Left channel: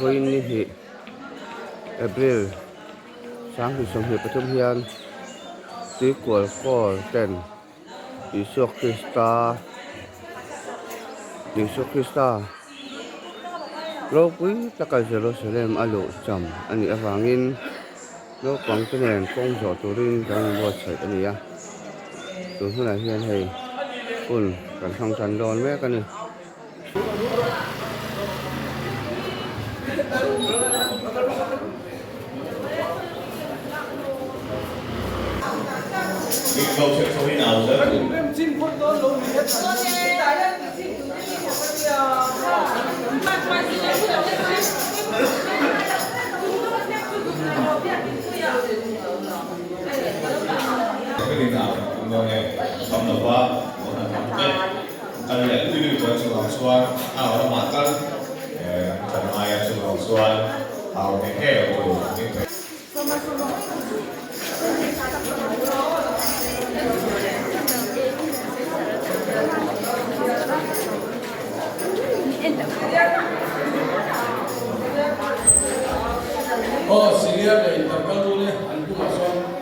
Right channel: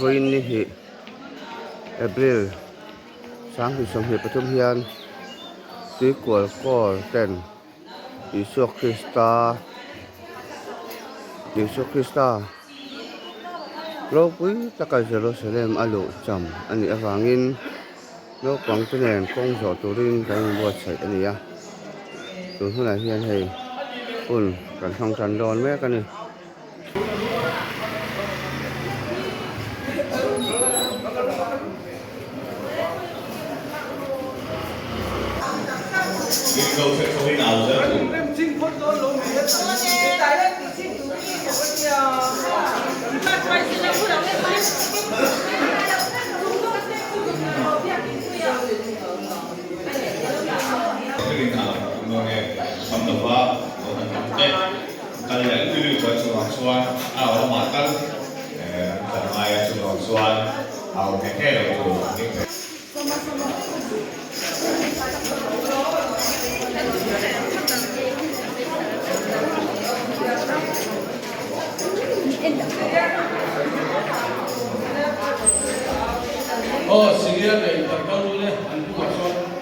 voin ni hi April sang hi som hi pathum hian ti kwal kor ten Isu Krista lo pui taka Jerusalem alu cham ani awangin no kwang tenen kong zo turin kai bo chai ani ya tu huna hian hei un kan hong chan don me kan ni câu chuyện sau khi nào rồi cái gì nào người nghe cầm đầu ba cái này đi được trường học xuân ở mặt căn còn mai trường học xuân ở cái hè rồi sige để tập con luôn đi ăn cũng học xong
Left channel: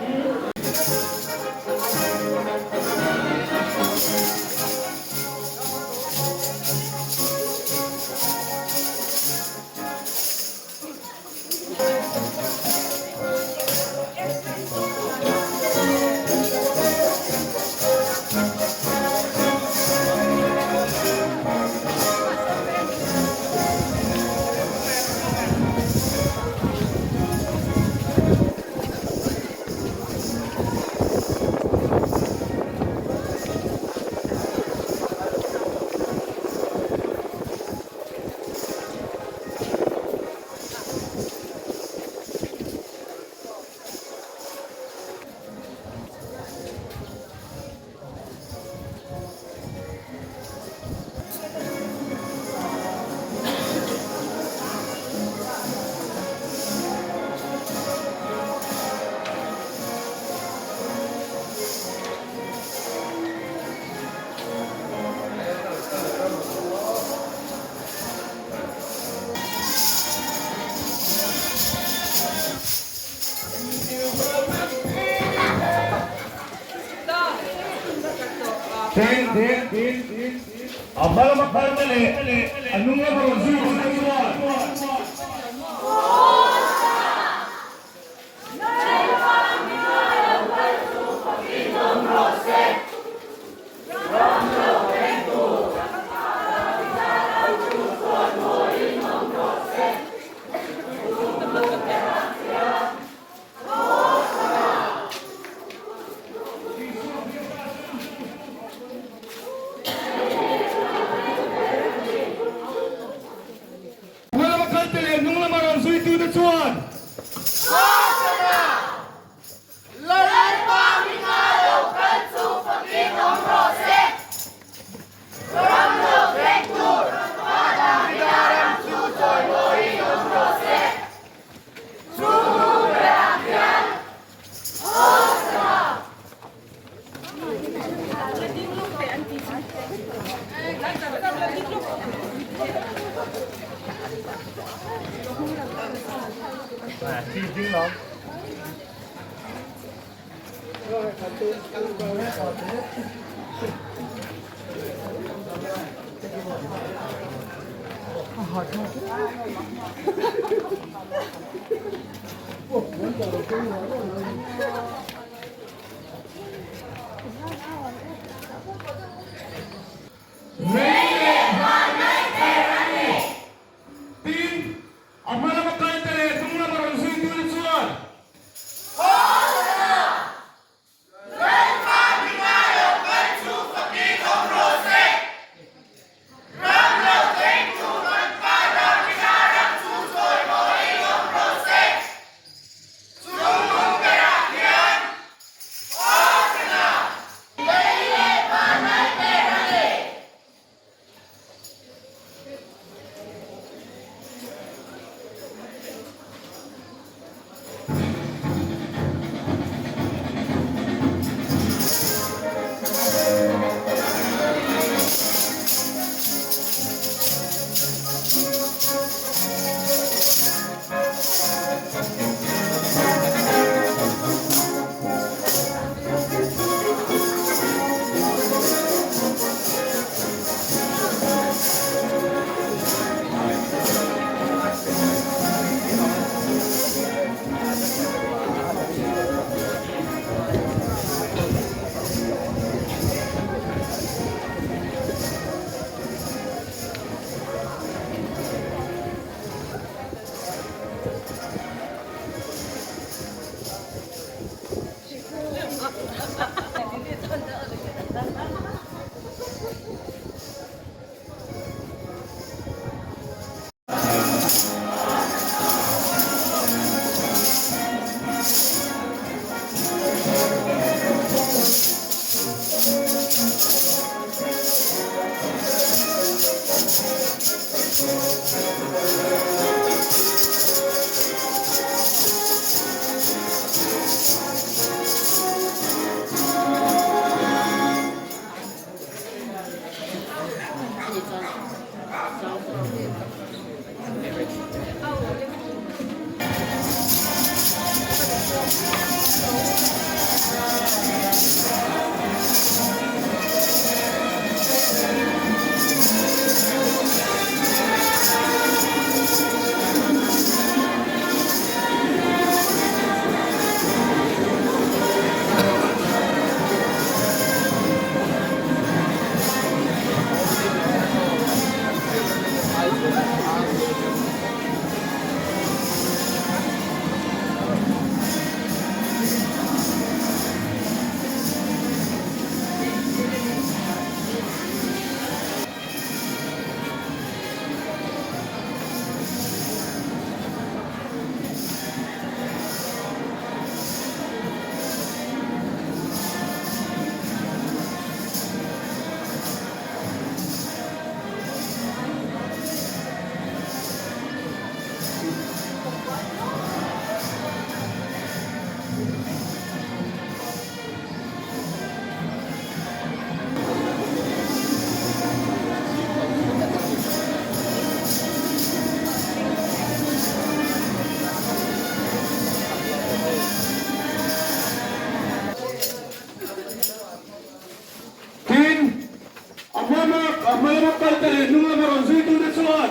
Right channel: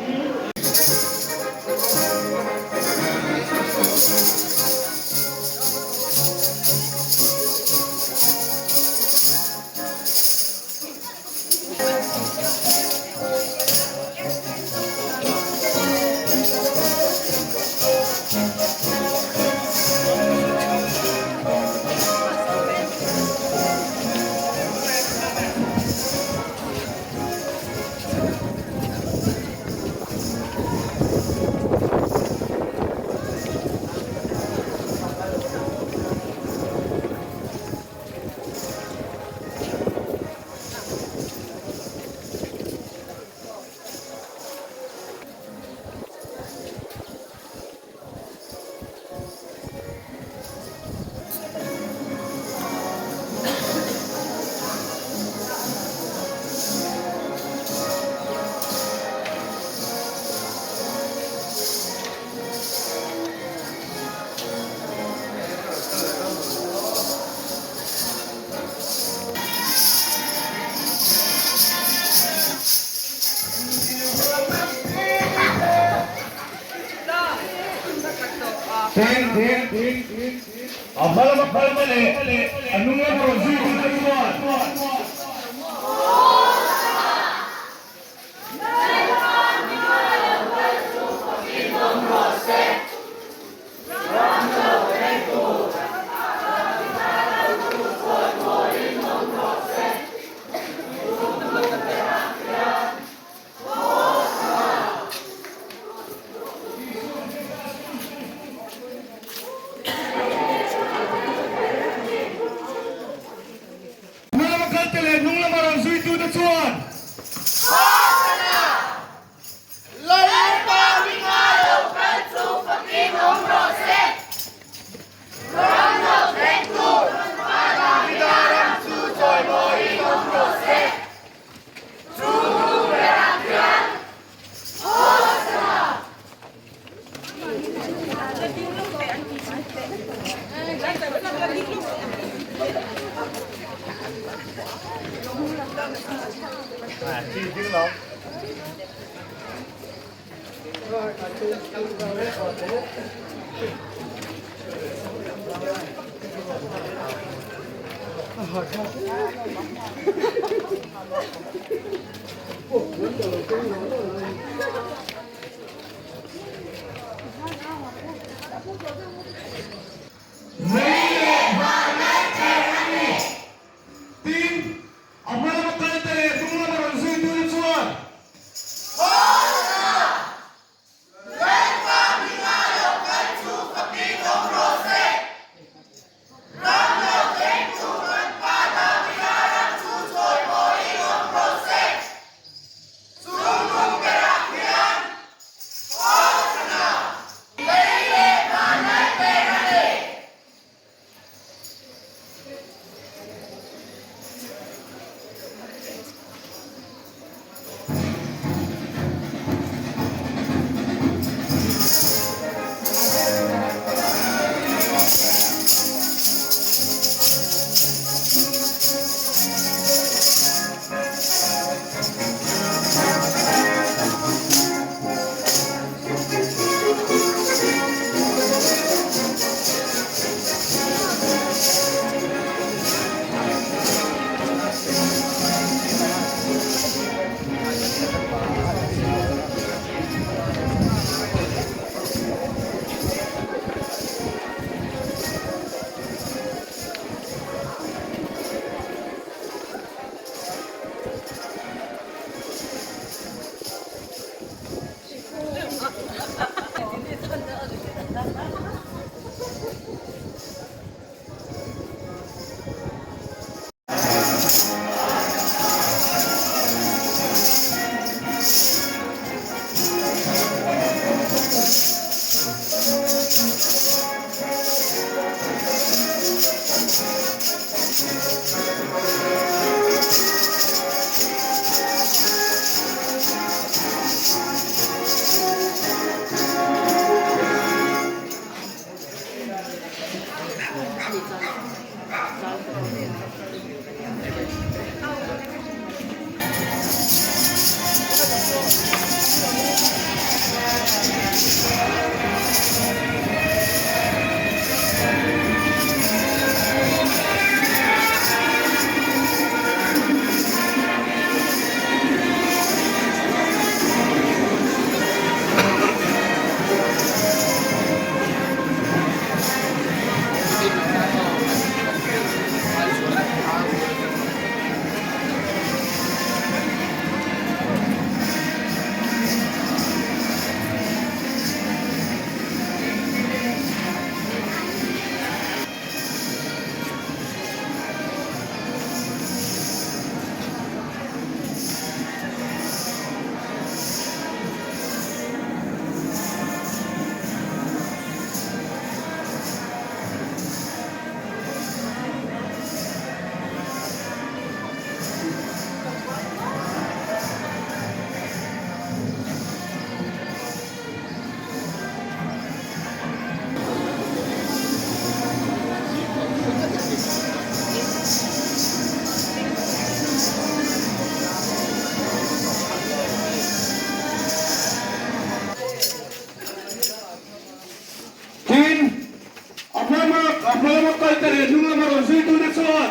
Abala mali, anong nga bro, zero to one. makal tele nunga maron zui tu nak suat.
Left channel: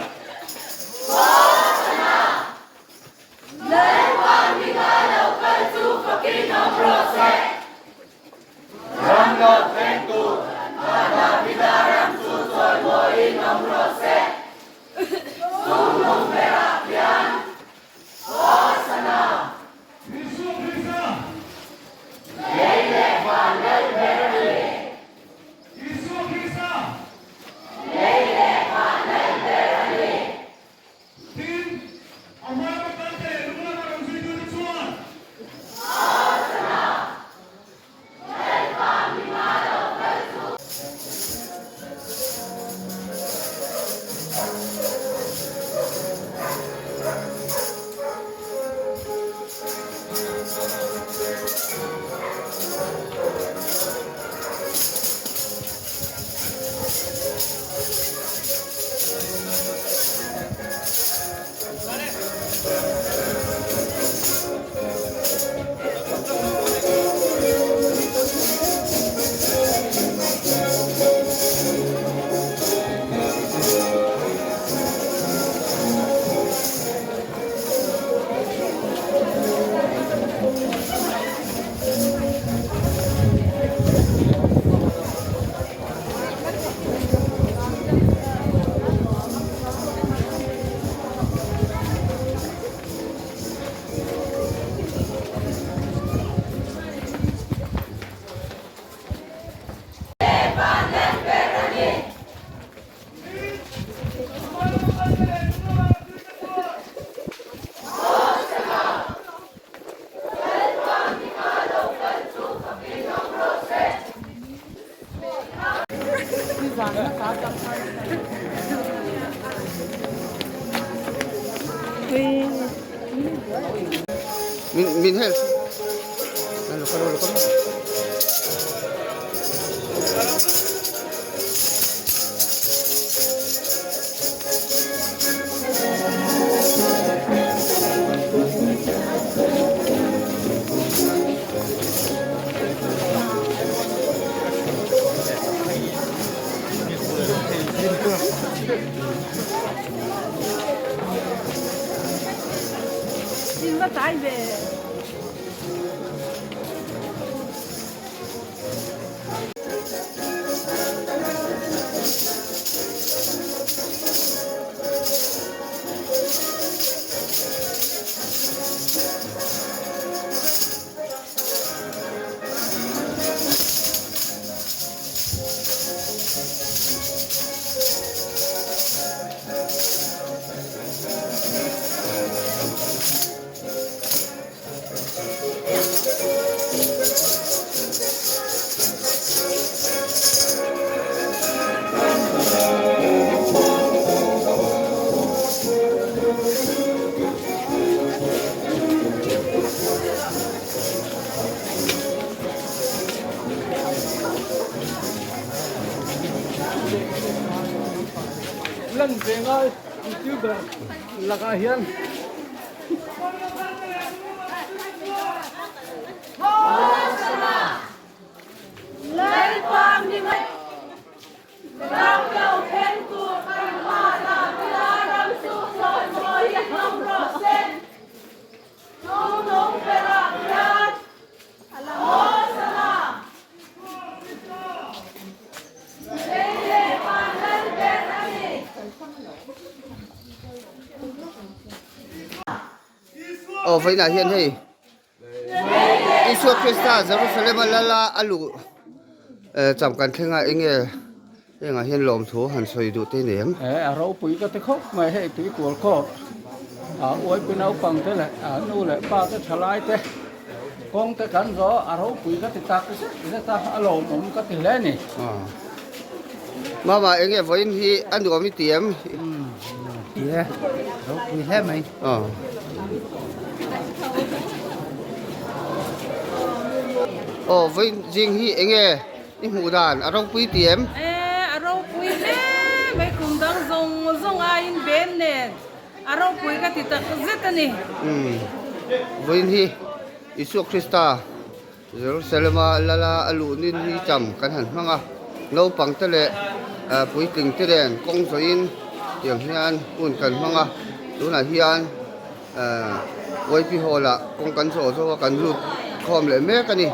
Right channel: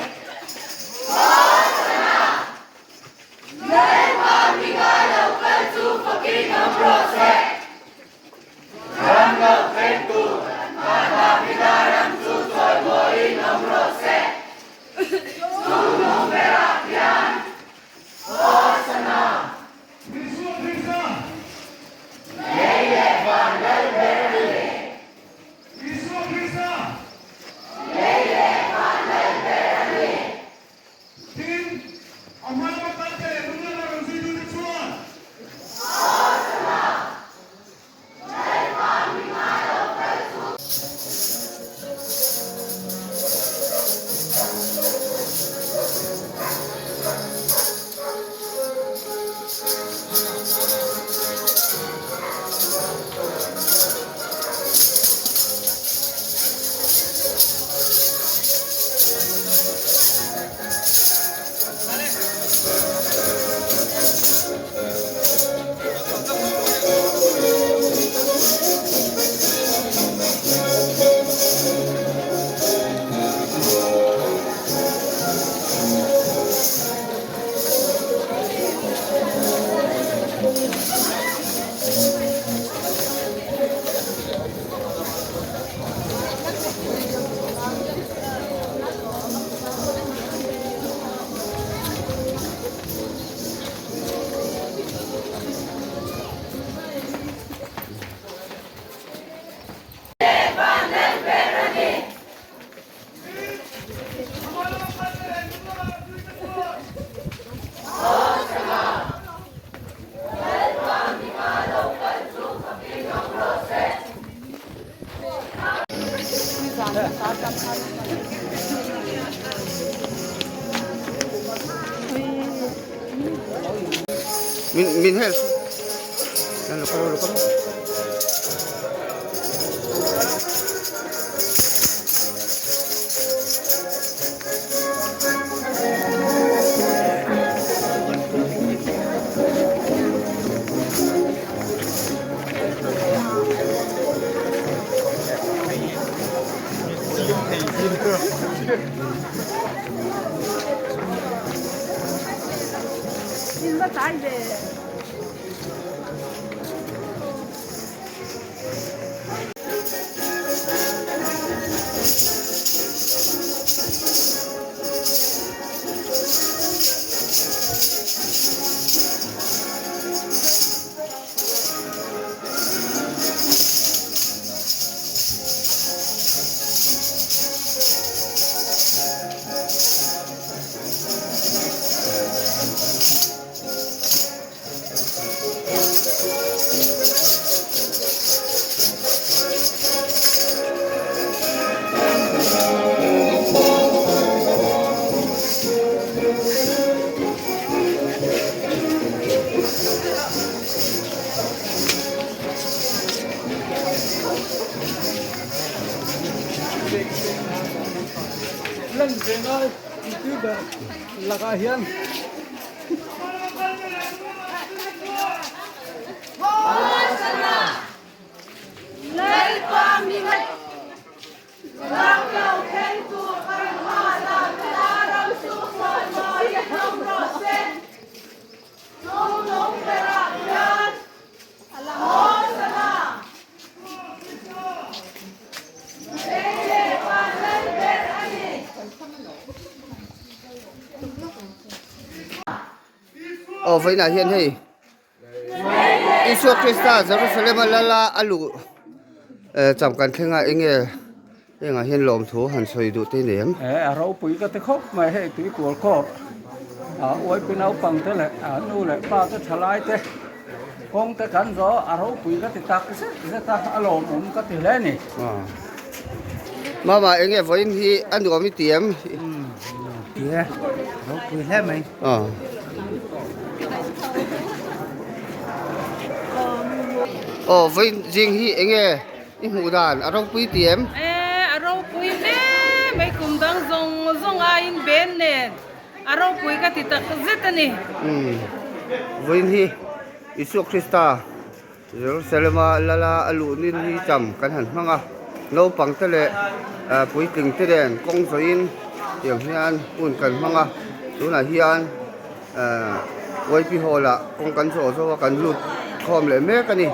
Min hel. Lalu kalau. Lần về ngay chứ là cái hiền Vậy là hiện thì Isu Krista Jerusalem lala alu chậm cần thế ngại nghe thế ngại hiện lồng thú hẳn soi đủ tên niệm rau bụi cái khóc mà hệ tụi của khóc ôi bên áo bằng thế này nu lại ba cái thà lai thế con cái cắn gió rau bụi cái tạc cái ta lồng cũng cái tiền lên này mà anh nghe với thì anh được mấy tiệm yeah rau bụi hết mày với riêng hi anh nghe đi ngủ đàn ở trong quý tiệm rau bụi nè mấy cùng đang zong ai bên nè rau bụi cái tạc cái gì nè với hi Isu Krista Jerusalem lala alu nin hi chậm kan han manga no pang te le pui ting te den kong so in tiang hian un kan hmanga tuna hian oi pi hola kong kan so so kan lut khom le me ka ni